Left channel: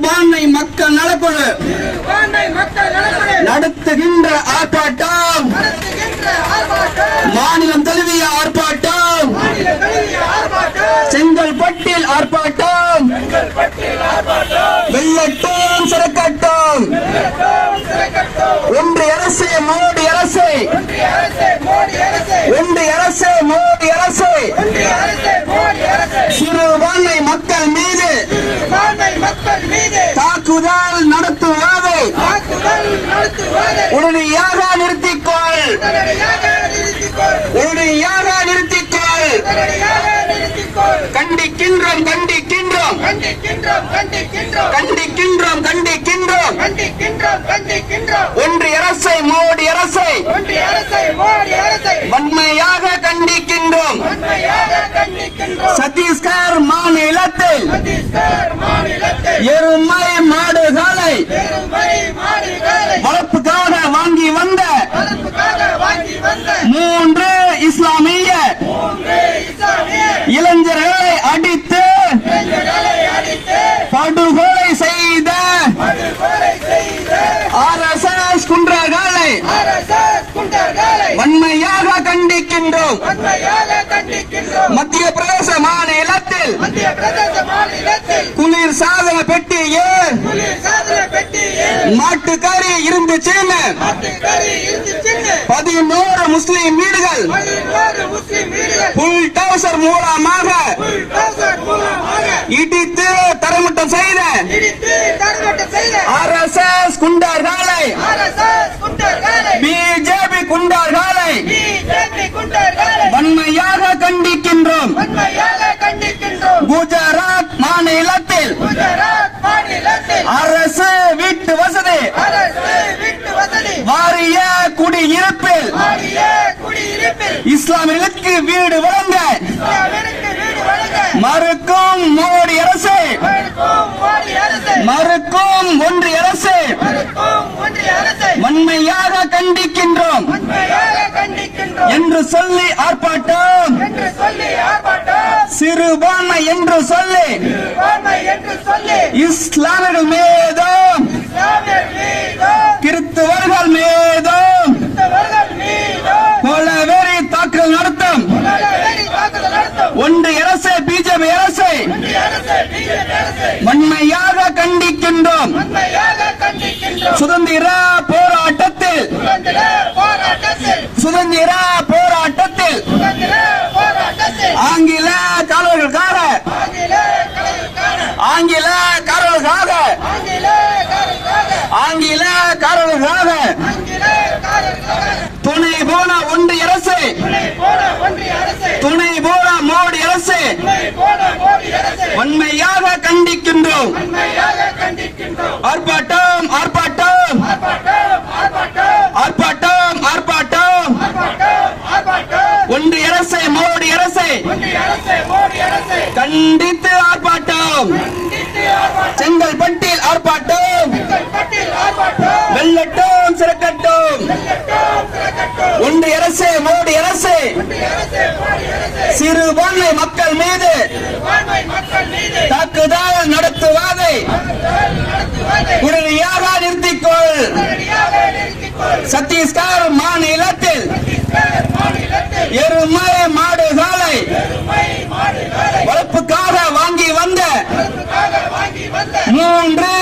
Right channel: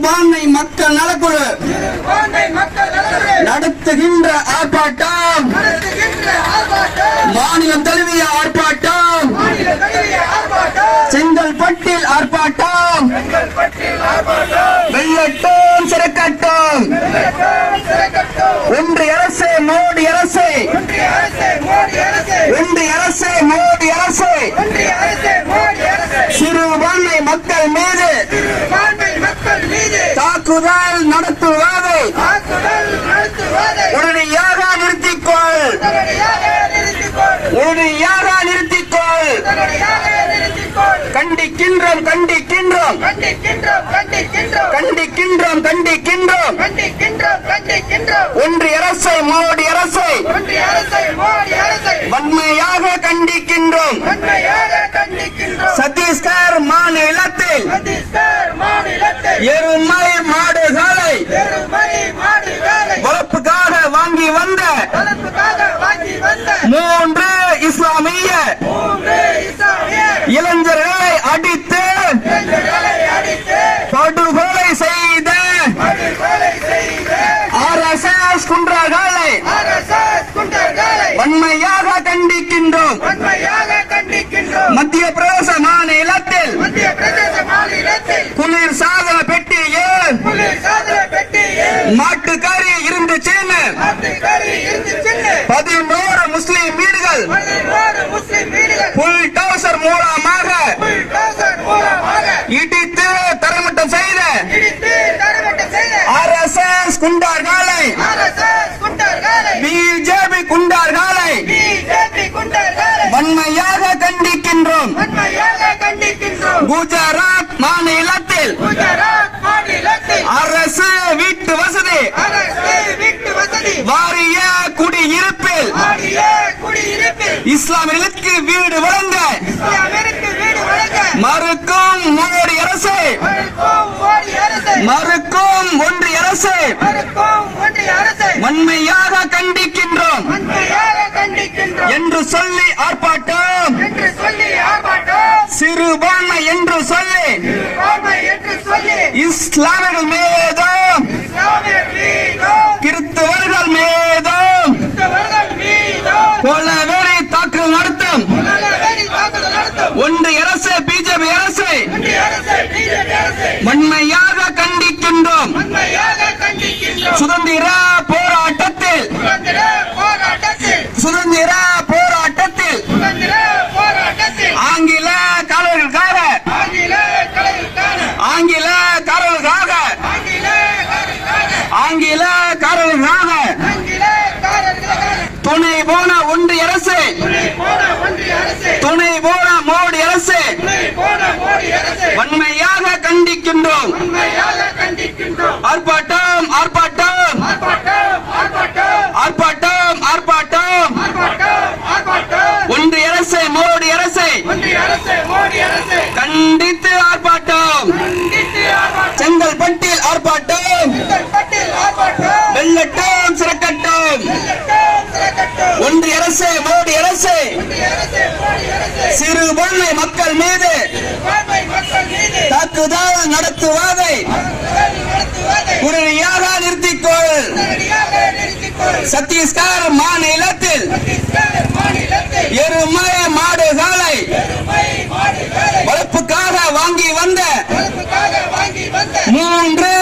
சிறுபான்மை மக்கள் நலக்குழு நடத்துகின்ற ஆர்ப்பாட்டம், மாநிலம் தழுவிய ஆர்ப்பாட்டம், செங்கல்பட்டில் ஆர்ப்பாட்டம், வெள்ளட்டும் சிறுகட்டும். ஒன்றிய அரசு மோடி அரசு, ஒன்றிய அரசு மோடி அரசு சிறுபான்மை மக்கள் மீது தாக்குதல் நடத்துவதை உடனடியாக நிறுத்திக்கொள், உடனடியாக நிறுத்திக்கொள். கண்டிக்கின்றோம் கண்டிக்கின்றோம் கண்டிக்கின்றோம் கண்டிக்கின்றோம். ஒன்றிய அரசை மோடி அரசை வன்மையாக கண்டிக்கின்றோம். சத்தீஸ்கர் மாநிலத்தில் எருமை மாடுகளை வளர்ப்புக்காக வாங்கி வந்த 3 இஸ்லாமிய இளைஞர்களை அடித்து படுகொலை செய்த RSS குண்டர்களை வன்மையாக கண்டிக்கின்றோம். மத்திய பிரதேச மாநிலத்தில் குளிர் சாதன பெட்டியில் மாட்டுக்கறி இருந்துச்சுன்னு 11 முஸ்லிம் வீடுகள் புல்டோசர் மூலமாக இடித்து தரமட்டம் செய்த RSS குண்டர்களை, பிஜேபி குண்டர்களை வன்மையாக கண்டிக்கின்றோம். குஜராத் மாநிலத்தில் அரசு வீட்டு வசதி வாரிய குடியிருப்பில் இஸ்லாமியர்களுக்கு வீடு வழங்க மறுக்கும் மோடி அரசு, மறுக்கும் ஒன்றிய அரசு வன்மையாக கண்டிக்கின்றோம் என்று சொல்லி ஆர்ப்பாட்டம், சிறுபான்மை என்று சொல்லி இஸ்லாமியர்கள் மீதும் கிறிஸ்தவர்கள் மீதும் கொலவெறி தாக்குதல் நடத்தும் ஒன்றிய அரசு பிஜேபி அரசை வன்மையாக கண்டிக்கின்றோம். சுதந்திர போராட்டத்தில் ஆங்கில காரர்களுக்காக துணை போன ஒன்றிய அரசு, துணை போன மோடி அரசு வன்மையாக கண்டிக்கின்றோம். ஆர்ப்பாட்டம் ஆர்ப்பாட்டம் ஆர்ப்பாட்டம் ஆர்ப்பாட்டம். ஒன்றிய அரசு மோடி அரசை கண்டித்து ஆர்ப்பாட்டம். செங்கல்பட்டில் ஆர்ப்பாட்டம், வெள்ளட்டும் சிறக்கட்டும். ஒன்றிய அரசு மோடி அரசு சிறுபான்மை மக்கள் மீது தாக்குதல் நடத்துவதை உடனடியாக நிறுத்திக்கொள். சத்தீஸ்கர் மாநிலத்தில் எருமை மாடுகளை வளர்ப்புக்காக வாங்கி வந்த 3